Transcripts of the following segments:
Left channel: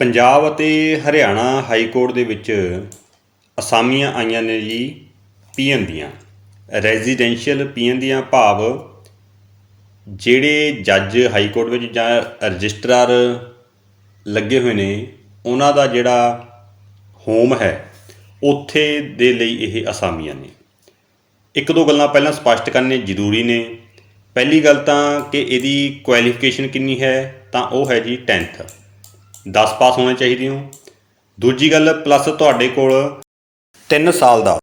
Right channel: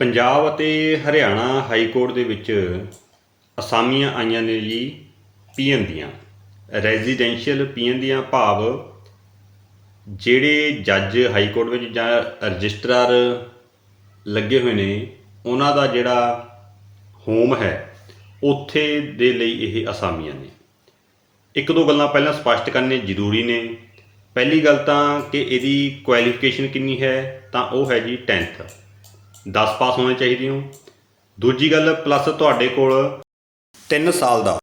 ਪੰਜਾਬ ਅਤੇ Haryana high court ਦੇ ਵਿੱਚ ਅਸਾਮੀਆਂ ਆਈਆਂ ਨੇ ਜੀ ਪੀਐਨ ਦੀਆਂ। ਰੈਜ਼ੀਡੈਂਸ਼ੀਅਲ ਪੀਐਨ ਦੀਆਂ ਭਾਵ ਜਿਹੜੇ ਜੱਜ ਹਾਈ ਕੋਰਟ ਵਿੱਚ ਜਾਂ ਰਜਿਸਟਰਾਰ ਲੱਗੇ ਹੋਏ ਨੇ, ਉਹਨਾਂ ਦਾ ਜਿਹੜਾ ਹੋਮ ਹੈ, ਉੱਥੇ ਦੇ ਲਈ ਇਹ ਅਸਾਮੀਆਂ ਨੇ। ਇੱਕ ਦੋ ਗੱਲਾਂ ਪਹਿਲਾਂ ਸਪਸ਼ਟ ਕਰਨੇ ਜ਼ਰੂਰੀ ਨੇ। ਪਹਿਲੀ ਗੱਲ ਤਾਂ ਕਿ ਇਹਦੀ ਕੁਆਲੀਫਿਕੇਸ਼ਨ ਕਿੰਨੀ ਹੈ, ਤਾਂ ਉਹ ਹੈ ਜੀ 10th 10 ਪਾਸ ਹੋਣੇ ਚਾਹੀਦੇ ਹੋ। ਦੂਜੀ ਗੱਲ ਪਲੱਸ ਤੁਹਾਡੇ ਕੋਲ 3 ਸਾਲ ਦਾ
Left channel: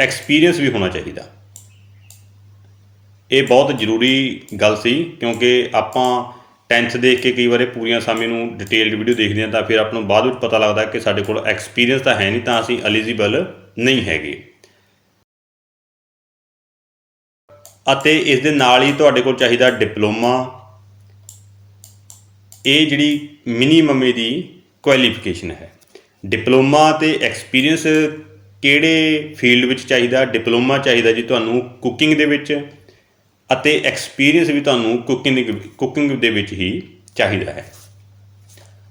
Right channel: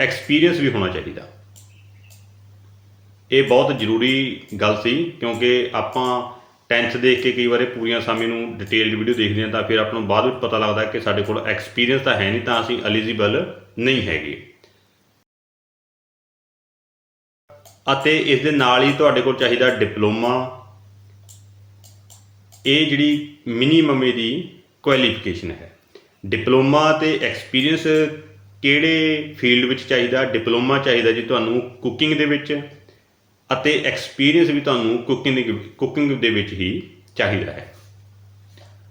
ਐਕਸਪੀਰੀਅੰਸ ਵੀ ਹੋਣਾ ਚਾਹੀਦਾ। ਇਹ ਬਹੁਤ ਜ਼ਰੂਰੀ ਗੱਲ ਸੀ, ਕਿਉਂਕਿ ਆਪਾਂ 10th ਦੇਖ ਕੇ ਕਈ ਵਾਰੇ ਪੂਰੀਆਂ ਸਾਮੀ ਨੂੰ ਡਿਟੇਲਡ ਵੀਡੀਓ ਦੇਖਦੇ ਹਾਂ ਤਾਂ ਫਿਰ ਆਪਾਂ ਨੂੰ ਬਾਅਦ ਵਿੱਚ ਪਤਾ ਲੱਗਦਾ ਕਿ ਸਾਡੇ ਕੋਲ ਐਕਸਪੀਰੀਅੰਸ ਤਾਂ ਹੈ ਨਹੀਂ, ਤਾਂ ਅਸੀਂ ਐਲੀਜੀਬਲ ਨਹੀਂ ਹੈਗੇ। ਅਤੇ ਇਸ ਦੇ ਨਾਲ ਹੀ ਤੁਹਾਡੇ ਕੋਲ ਚਾਹੀਦਾ ਡਿਪਲੋਮਾ ਇਹ ਜਿਹੜੀ ਮਿਨੀਮਮ ਦੀ ਕੁਆਲੀਫਿਕੇਸ਼ਨ ਹੈ। ਡਿਪਲੋਮਾ ਤੇ ਐਕਸਪੀਰੀਅੰਸ ਕਿਹੜੇ ਫੀਲਡ ਵਿੱਚ ਚਾਹੀਦਾ? ਡਿਪਲੋਮਾ ਚਾਹੀਦਾ ਜੀ ਤੁਹਾਨੂੰ ਕੁਕਿੰਗ ਦੇ ਵਿੱਚ ਅਤੇ ਐਕਸਪੀਰੀਅੰਸ ਵੀ ਤੁਹਾਨੂੰ ਕੁਕਿੰਗ ਕੁਕਿੰਗ ਦੇ ਵਿੱਚ ਹੀ ਚਾਹੀਦਾ ਹੈ।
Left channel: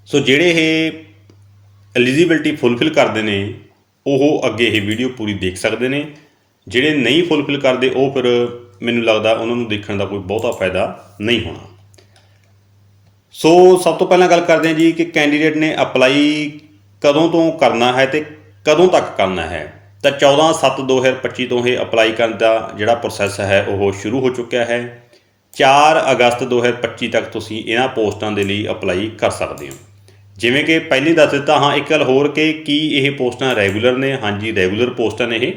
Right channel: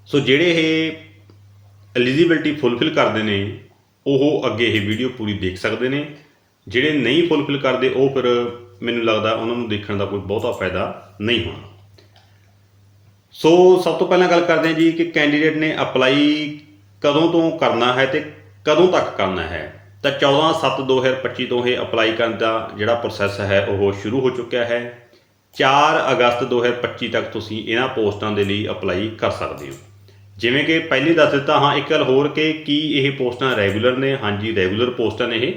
ਸੋ ਜਿਹੜੇ ਇਹ ਐਲੀਜੀਬਿਲਟੀ ਫੁੱਲਫਿਲ ਕਰਦੇ ਨੇ, ਉਹ ਅੱਗੇ ਇਹ ਵੀਡੀਓ ਪੂਰੀ ਦੇਖ ਸਕਦੇ ਨੇ। ਜਿਹੜੇ ਨਹੀਂ ਫੁੱਲਫਿਲ ਕਰਦੇ, ਉਹ ਫਿਰ ਮੈਨੂੰ ਲੱਗਦਾ ਉਹਨਾਂ ਨੂੰ ਦੇਖਣ ਦਾ ਕੋਈ ਬਹੁਤਾ ਫਾਇਦਾ ਨਹੀਂ ਹੋਣਾ। ਸੋ ਸਭ ਤੋਂ ਪਹਿਲਾਂ ਗੱਲ ਕਰਦੇ ਹਾਂ ਜੀ ਕਿ ਕੈਂਡੀਡੇਟ ਨੇ ਅਪਲਾਈ ਕਦੋਂ ਤੋਂ ਕਰਨਾ ਹੈ ਤੇ ਕਦੋਂ ਤੱਕ ਕਰਨਾ ਹੈ। ਤਾਂ 14/7/2025 ਤੋਂ ਇਹ ਅਪਲਾਈ ਕਰਨ ਦਾ ਜਿਹੜਾ ਪ੍ਰੋਸੈਸ ਹੈ, ਉਹ ਸ਼ੁਰੂ ਹੋ ਚੁੱਕਿਆ ਹੈ। 4 ਅਗਸਤ 2025 ਤੱਕ ਤੁਸੀਂ ਇਹਨਾਂ ਪੋਸਟਾਂ ਦੇ ਲਈ ਅਪਲਾਈ ਕਰ ਸਕਦੇ ਹੋ। ਜਿਵੇਂ ਕਿ ਪਹਿਲੀ ਦੱਸ ਦਿੱਤਾ ਹਾਂ, ਇੱਕ ਗੱਲ ਹੋਰ ਕਿ ਕੀ ਇਹ ਪੋਸਟਾਂ ਰੈਗੂਲਰ ਨੇ? ਹਾਂਜੀ, ਰੈਗੂਲਰ ਪੋਸਟਾਂ ਨੇ ਇਹ।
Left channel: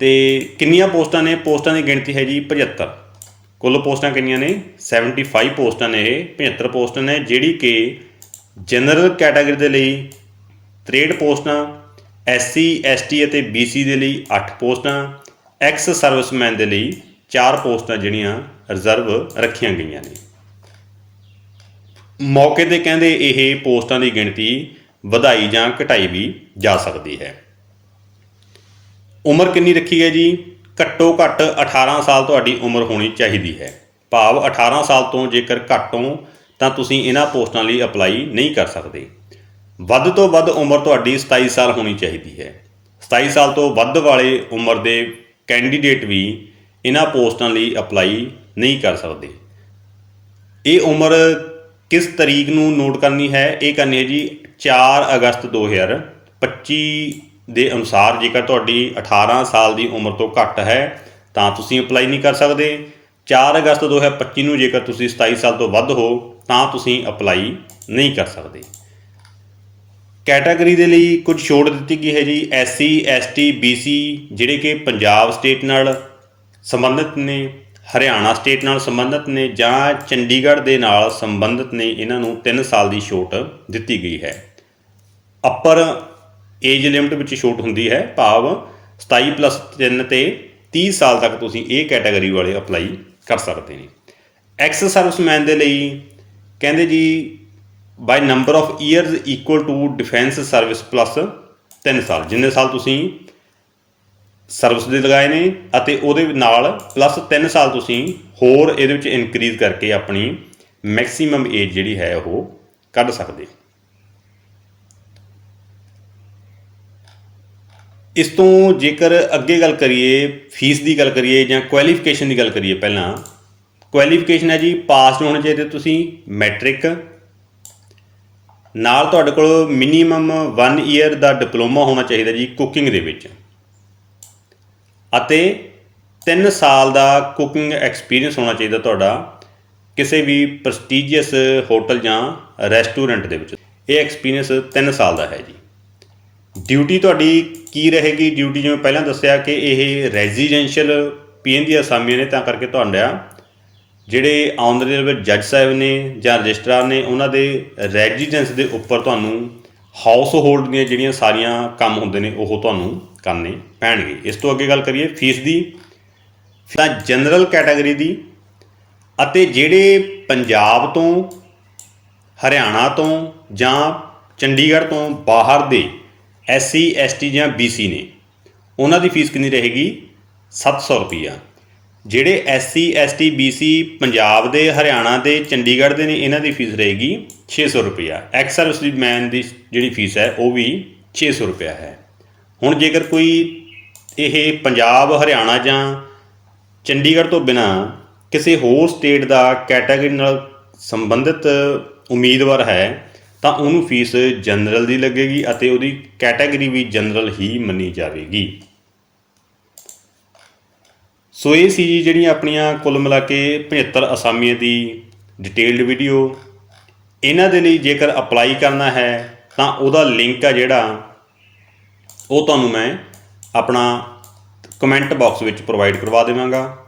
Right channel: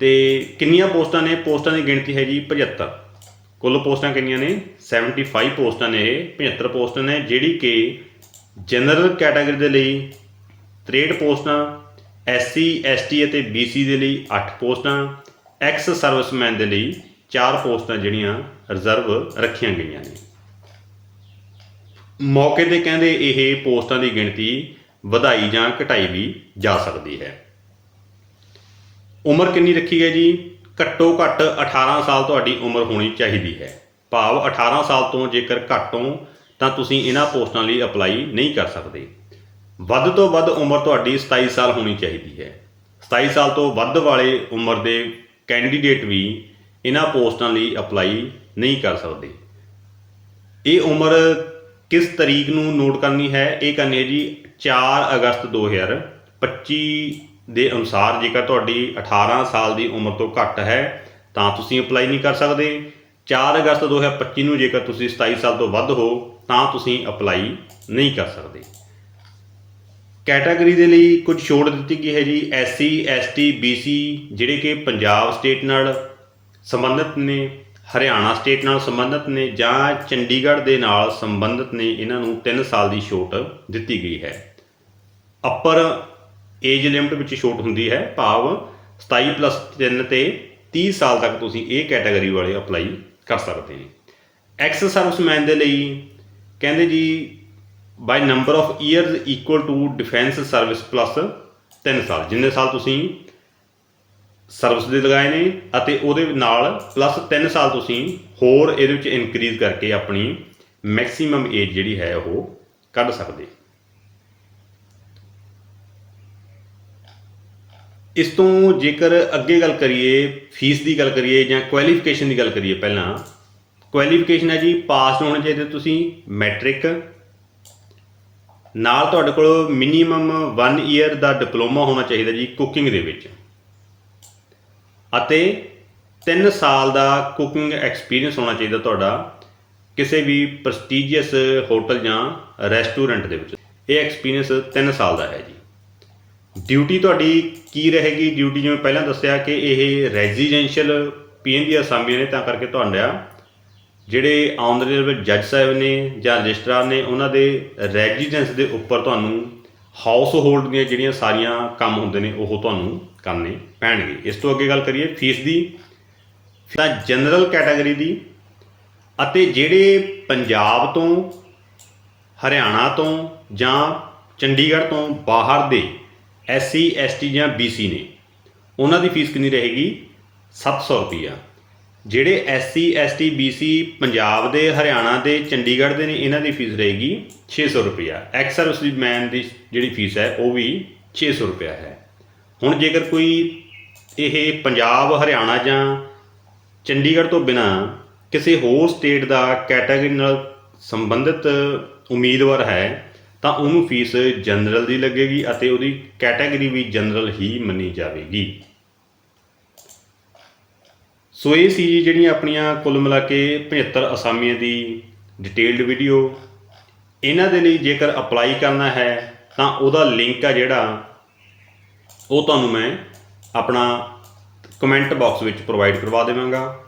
ਤੇ ਕਿੰਨੀਆਂ ਪੋਸਟਾਂ ਨੇ? ਪੋਸਟਾਂ ਦੀ ਗਿਣਤੀ ਹੈ ਜੀ 75 ਕੁੱਲ ਪੋਸਟਾਂ ਕਿੰਨੀਆਂ ਨੇ? 75 ਪੋਸਟਾਂ ਨੇ ਇਹ 75 ਪੋਸਟਾਂ ਨੇ, ਜਿਹੜੀ ਕਿ ਜਨਰਲ ਕੈਟਾਗਰੀ ਦੇ ਲਈ 63 ਪੋਸਟਾਂ ਐਸਸੀ ਐਸਟੀ ਅਤੇ ਬੀਸੀ ਦੇ ਲਈ 8 ਪੋਸਟਾਂ ਐਕਸ ਸਰਵਿਸਮੈਨ ਦੇ ਲਈ 4 ਪੋਸਟਾਂ ਜਿਹੜੀਆਂ ਰਿਜ਼ਰਵ ਰੱਖੀਆਂ ਗਈਆਂ ਨੇ। ਮੌਕੇ ਤੇ ਕਹਿੰਦੇ ਇਹ ਪੋਸਟਾਂ ਦੀ ਗਿਣਤੀ ਵਧਾਈ ਜਾਂ ਘਟਾਈ ਵੀ ਜਾ ਸਕਦੀ ਹੈ। ਉਮਰ ਕਿੰਨੀ ਰੱਖੀ ਹੈ ਜੀ? ਘੱਟੋ ਘੱਟ 18 ਸਾਲ ਤੁਹਾਡੀ ਉਮਰ ਹੋਣੀ ਚਾਹੀਦੀ ਹੈ। ਭਾਵ 18 ਸਾਲ ਤੋਂ ਜੇਕਰ ਘੱਟ ਹੋ ਤਾਂ ਤੁਸੀਂ ਇਹਨਾਂ ਪੋਸਟਾਂ ਲਈ ਅਪਲਾਈ ਨਹੀਂ ਕਰ ਸਕਦੇ। ਵੱਧ ਤੋਂ ਵੱਧ ਉਮਰ ਤੁਹਾਡੀ 27 ਸਾਲ ਹੋਣੀ ਚਾਹੀਦੀ ਹੈ। 27 ਸਾਲ ਤੋਂ ਵੱਧ ਵਾਲੇ ਉਮਰ ਦੇ ਕੈਂਡੀਡੇਟ ਵੀ ਇਹਨਾਂ ਪੋਸਟਾਂ ਲਈ ਅਪਲਾਈ ਨਹੀਂ ਕਰ ਸਕਦੇ। ਇਹ ਉਮਰ ਕਿਸ ਤਰੀਕ ਨੂੰ ਨੋਟ ਕਰਨੀ ਹੈ? ਇਹ ਕਰਨੀ ਹੈ ਜੀ 4 ਅਗਸਤ 2025 ਦੇ ਅਨੁਸਾਰ ਜੇਕਰ ਤੁਹਾਡੀ 18 ਸਾਲ ਦੀ ਉਮਰ ਤੋਂ ਘੱਟ ਹੈ, ਤਾਂ ਤੁਸੀਂ ਅਪਲਾਈ ਨਹੀਂ ਕਰ ਸਕਦੇ। 4 ਅਗਸਤ 2025 ਨੂੰ ਜੇਕਰ ਤੁਸੀਂ 27 ਸਾਲ ਤੋਂ ਵੱਧ ਹੋ, ਤਾਂ ਤੁਸੀਂ ਅਪਲਾਈ ਨਹੀਂ ਕਰ ਸਕਦੇ। ਕੈਟਾਗਰੀ ਦੇ ਲਈ ਕੁਝ ਛੋਟ ਦਿੱਤੀ ਗਈ ਹੈ ਜੀ ਐਸਸੀ ਐਸਟੀ ਬੀਸੀ ਜਿਹੜੇ ਕਿ ਪੰਜਾਬ ਸਟੇਟ ਨਾਲ ਸੰਬੰਧਿਤ ਨੇ, ਹਰਿਆਣਾ ਸਟੇਟ ਨਾਲ ਸੰਬੰਧਿਤ ਨੇ, ਜਾਂ ਚੰਡੀਗੜ੍ਹ ਦੇ ਨਾਲ ਸੰਬੰਧਿਤ ਨੇ, ਇਹਨਾਂ ਨੂੰ 3 ਸਾਲ ਦੀ ਛੋਟ ਦਿੱਤੀ ਗਈ ਹੈ। ਅਪਰ ਏਜ ਲਿਮਟ ਵਿੱਚ ਛੋਟ ਹੁੰਦੀ ਹੈ। ਭਾਵ 27 ਪਲੱਸ 3 ਤੇ 30 ਸਾਲ ਤੱਕ ਤੁਸੀਂ ਇਹ ਕੈਟਾਗਰੀ ਵਾਲੇ ਅਪਲਾਈ ਕਰ ਸਕਦੇ ਨੇ ਐਕਸ ਸਰਵਿਸਮੈਨ ਦੇ ਲਈ ਕਹਿੰਦੇ ਜੀ by number of years equal to defence service plus 3 ਸਾਲ। ਜਿੰਨੇ ਸਾਲ ਤੁਸੀਂ ਸਰਵਿਸ ਦੇ ਲਗਾਏ ਨੇ ਅਤੇ ਉਹਦੇ ਨਾਲ ਪਲੱਸ 3 ਸਾਲ ਤੁਸੀਂ ਹੋਰ ਇਹਦੇ ਵਿੱਚ ਇਨਕਰੀਜ਼ ਕਰਕੇ ਆਪਣੀ ਮੈਕਸਿਮਮ ਏਜ ਜਿਹੜੀ ਹੈ ਉਹ ਕੱਢ ਸਕਦੇ ਇਸ ਤੋਂ ਜੇਕਰ ਅੱਗੇ ਗੱਲ ਕਰੀਏ, ਫੀਸ ਦੀ ਗੱਲ ਕਰੀਏ ਜਾਂ ਕੁਆਲੀਫਿਕੇਸ਼ਨ ਦੀ ਗੱਲ ਕਰੀਏ ਪਹਿਲਾਂ ਕੁਆਲੀਫਿਕੇਸ਼ਨ ਹੈ ਜੀ ਪਾਸ ਹੋਣੇ ਚਾਹੀਦੇ ਤੁਸੀਂ ਮੈਟ੍ਰਿਕ ਨਾਲ ਤੁਹਾਡੇ ਕੋਲ ਮਿਨੀਮਮ 1 ਇਅਰ ਦਾ ਡਿਪਲੋਮਾ ਹੋਣਾ ਚਾਹੀਦਾ ਜੀ ਕੁਕਿੰਗ ਦੇ ਵਿੱਚ। ਅਤੇ 3 ਸਾਲ ਦਾ ਕੁਕਿੰਗ ਐਕਸਪੀਰੀਅੰਸ ਹੋਣਾ ਚਾਹੀਦਾ ਤੁਹਾਡਾ ਕਿਸੇ ਵੀ ਪ੍ਰੈਸਟੀਜੀਅਸ ਹੋਟਲ ਜਾਂ ਰੈਸਟੋਰੈਂਟ ਦੇ ਵਿੱਚ। ਇਹ ਐਕਸਪੀਰੀਅੰਸ 3 ਸਾਲ ਦਾ ਹੈ ਜੀ। ਡਿਊਟੀ ਤੁਹਾਡੀ ਕੀ ਰਹੇਗੀ? ਡਿਊਟੀ ਜਿਵੇਂ ਪਹਿਲਾਂ ਦੱਸਿਆ ਕਿ ਇਹ ਰੈਜ਼ੀਡੈਂਸ਼ੀਅਲ ਪੀਐਨ ਦੀ ਅਸਾਮੀਆਂ ਨੇ, ਤਾਂ ਕਰਕੇ ਤੁਹਾਡਾ ਜਿਹੜੇ ਆਨ ਜੱਜ ਸਾਹਿਬ ਨੇ ਜਾਂ ਰਜਿਸਟਰਾਰ ਨੇ, ਉਹਨਾਂ ਦੇ ਰੈਜ਼ੀਡੈਂਸ ਦੇ ਉੱਪਰ ਤੁਹਾਨੂੰ ਹਾਊਸ ਹੋਲਡ ਦੀਆਂ ਜਿਹੜੀਆਂ ਸਾਰੀਆਂ ਕੰਮ ਹੁੰਦੇ ਨੇ, ਉਹ ਤੁਹਾਨੂੰ ਕਰਨੇ ਪੈਣਗੇ। ਇਸ ਤੋਂ ਅੱਗੇ ਗੱਲ ਕਰੀਏ ਫੀਸ ਦੀ, ਤਾਂ ਜਨਰਲ ਕੈਟਾਗਰੀ ਦੀ ਅਤੇ ਜਿਹੜੇ ਪੰਜਾਬ ਤੋਂ, ਹਰਿਆਣਾ ਤੋਂ ਜਾਂ ਚੰਡੀਗੜ੍ਹ ਤੋਂ ਬਾਹਰ ਦੇ ਐਸਸੀ, ਐਸਟੀ ਜਾਂ ਬੀਸੀ ਨੇ, ਉਹਨਾਂ ਦੀ ਫੀਸ ਕਿੰਨੀ ਰਹੇਗੀ? 700 ਰੁਪਈਆ। ਜਿਹੜੇ ਐਸਸੀ, ਐਸਟੀ, ਬੀਸੀ ਪੰਜਾਬ ਦੇ, ਹਰਿਆਣਾ ਦੇ, ਚੰਡੀਗੜ੍ਹ ਦੇ ਨੇ, ਇਹਨਾਂ ਦੀ ਫੀਸ ਰਹੇਗੀ 600 ਰੁਪਇਆ ਐਕਸ ਸਰਵਿਸ ਦੀ ਮੈਨ ਦੀ ਜਿਹੜੀ ਫੀਸ ਹੈ, ਉਹ ਵੀ 600 ਰੁਪਇਆ ਹੈ। ਹੁਣ ਜੇਕਰ ਕੋਈ ਇਹ ਪੰਜਾਬ, ਹਰਿਆਣਾ ਜਾਂ ਚੰਡੀਗੜ੍ਹ ਤੋਂ ਬਿਨਾ ਕਿਸੇ ਹੋਰ ਸਟੇਟ ਦਾ ਕੈਟਾਗਰੀ ਨਾਲ ਸੰਬੰਧਿਤ ਉਮੀਦਵਾਰ ਹੈ ਤਾਂ ਉਹਨੂੰ ਫੀਸ ਜਨਰਲ ਦੀ ਲੱਗੇਗੀ ਅਤੇ ਉਹਦੀ ਕੈਟਾਗਰੀ ਵੀ ਜਨਰਲ ਹੀ ਮੰਨੀ ਜਾਵੇਗੀ। ਸੋ ਇਹ ਸੀ ਜਿਹੜੀਆਂ ਆਪਣੀਆਂ ਕੁੱਲ ਮਿਲਾ ਕੇ 75 ਅਸਾਮੀਆਂ ਦੀ ਡਿਟੇਲਡ ਵੀਡੀਓ। ਇਹਨਾਂ ਦੇ ਲਈ ਜੇਕਰ ਅਪਲਾਈ ਕਰਨਾ ਹੈ, ਤਾਂ ਉਹਦਾ ਲਿੰਕ ਆ ਜਿਹੜਾ, ਉਹ ਤੁਹਾਨੂੰ ਮੈਂ ਆਪਣਾ ਕਮੈਂਟ ਬਾਕਸ ਵਿੱਚ ਪ੍ਰੋਵਾਈਡ ਕਰਵਾ ਦੇਵਾਂਗਾ।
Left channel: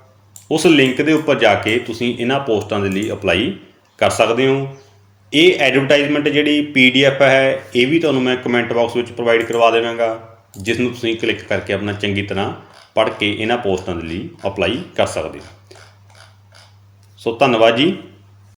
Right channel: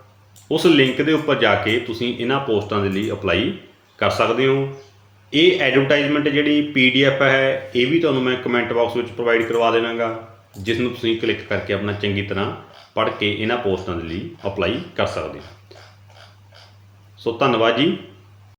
ਉਸ ਲਿੰਕ ਦੇ ਉੱਪਰ ਜਾ ਕੇ ਤੁਸੀਂ ਇਹਨਾਂ ਪੋਸਟਾਂ ਦੇ ਲਈ ਅਪਲਾਈ ਕਰ ਸਕਦੇ ਹੋ। ਇਹ ਐਡਵਰਟਾਈਜ਼ਮੈਂਟ ਜਿਹੜੀ ਪੀਡੀਐਫ ਹੈ, ਇਹ ਵੀ ਤੁਹਾਨੂੰ ਮੈਂ ਕਮੈਂਟ ਬਾਕਸ ਵਿੱਚ ਪ੍ਰੋਵਾਈਡ ਕਰਵਾ ਦੇਵਾਂਗਾ, ਜਿਸ ਨੂੰ ਤੁਸੀਂ ਕਲਿੱਕ ਕਰਕੇ ਆਪਣਾ ਚੰਗੀ ਤਰ੍ਹਾਂ ਪੜ੍ਹ ਕੇ ਇਹਨਾਂ ਪੋਸਟਾਂ ਦੇ ਲਈ ਅਪਲਾਈ ਕਰ ਸਕਦੇ ਹੋ। ਸੋ ਧੰਨਵਾਦ ਜੀ।